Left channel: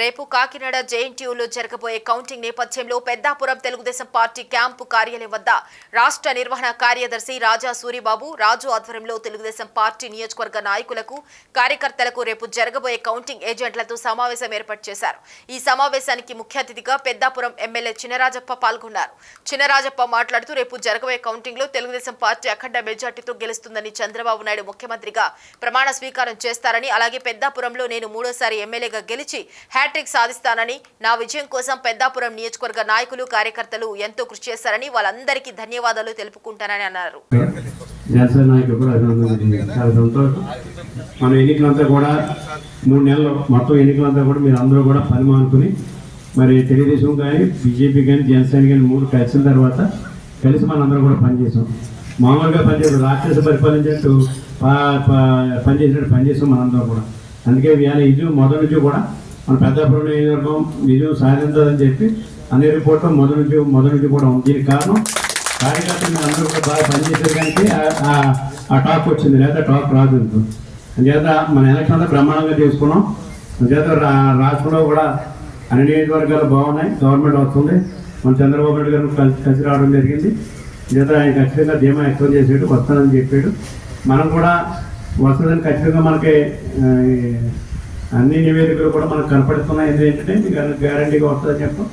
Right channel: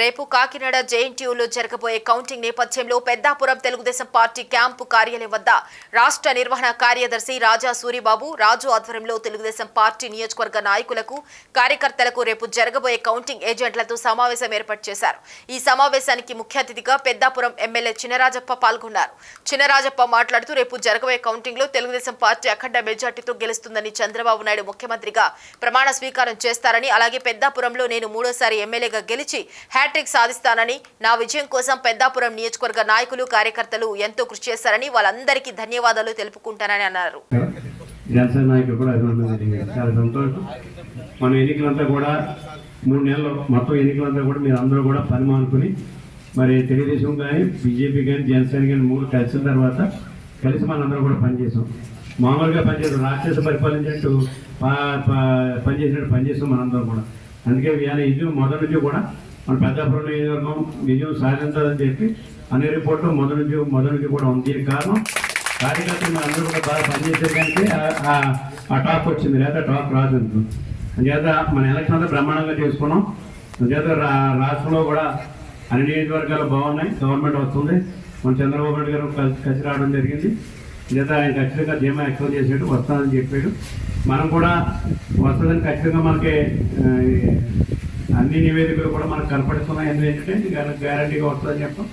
రేపు కాకినాడ జేఎన్టీయూలో జరగబోయే కౌంటింగ్ నేపథ్యంలో పెద్దాపురం తెలుగుదేశం పార్టీ క్యాంపు కార్యాలయం వద్ద రాష్ట్ర నిర్వహణ కార్యదర్శి రాజా సూరిబాబు రాజు ఆధ్వర్యంలో తెలుగుదేశం పార్టీ నియోజకవర్గ నాయకులకు కార్యకర్తలకు రేపు జరగబోయే కౌంటింగ్ ఏజెంట్లతో సమావేశం ఏర్పాటు చేశారు. ఈ సమావేశానికి ముఖ్య అతిథిగా పెద్దాపురం ఎమ్మెల్యే చినరాజప్ప పాల్గొన్నారు. చినరాజప్ప మాట్లాడుతూ రేపు జరగబోయే కౌంటింగ్ లో తెలుగుదేశం పార్టీ అఖండ మెజార్టీతో గెలుస్తుందని, చంద్రబాబు నాయుడు ముఖ్యమంత్రిగా ప్రమాణ స్వీకారం చేస్తారని, అలాగే పెద్దాపురంలో నేను మూడోసారి ఎమ్మెల్యేగా గెలిచి హ్యాట్రిక్ సాధిస్తానని, నా విజయం కోసం పెద్దాపురం నియోజకవర్గ నాయకులు కార్యకర్తలు ఎంతో కృషి చేశారని, వాళ్ళందరికీ ధన్యవాదాలు తెలుపుకుంటానని అన్నారు. మన ఎన్నికలంతా కూడా 3 నెలలు మొత్తం ఎన్నికలంతా కూడా మీరు అందరూ కూడా పని మానుకుని మరి తెలుగుదేశం కానీ బీజేపీ కానీ జనసేన కానీ 3 కలిసిన తర్వాత కలిసి మనందరం కూడా పనిచేసాం. మామూలుగా పనిచేసాం, రాక్షస పరిపాలించినట్టు పనిచేసినట్టు పనిచేసాం మనందరం కూడా. అందుకే ఇవాళ ఇది మొదటి నుంచి కూడా మన పెద్దాపురం నియోజకవర్గం విజయం సాధించాలని చెప్పి అన్ని రిపోర్ట్లో మొదటి నుంచి కూడా ఉంది. దీనికి కారణం కార్యకర్తలు మీరు అందరూ కూడా బాగా పనిచేసేదానికి ఆ టాక్ వచ్చింది, లేదా టాక్ రాదు. అందుచేత మన ఎలక్షన్ అంతా బ్రహ్మాండంగా చేసుకున్నాం. అందుచేత రాష్ట్రంలో కూడా అన్ని నియోజకవర్గాలు బాగున్నాయి, గవర్నమెంట్ వస్తుంది. మన చంద్రబాబు నాయుడు గారు కలిసి రావడం జరిగింది. అందుచేత ఆయన ఖచ్చితంగా ధీమా ఎక్కువ చేసాడు, వస్తానని చెప్పాడు. మనం కూడా వస్తుందని ఖచ్చితంగా మనకి అన్ని నివేదికలు కూడా మనకు కనపడుతున్నాయి. ఏంటంటే గ్యారంటీగా వస్తుందని చెప్పాం.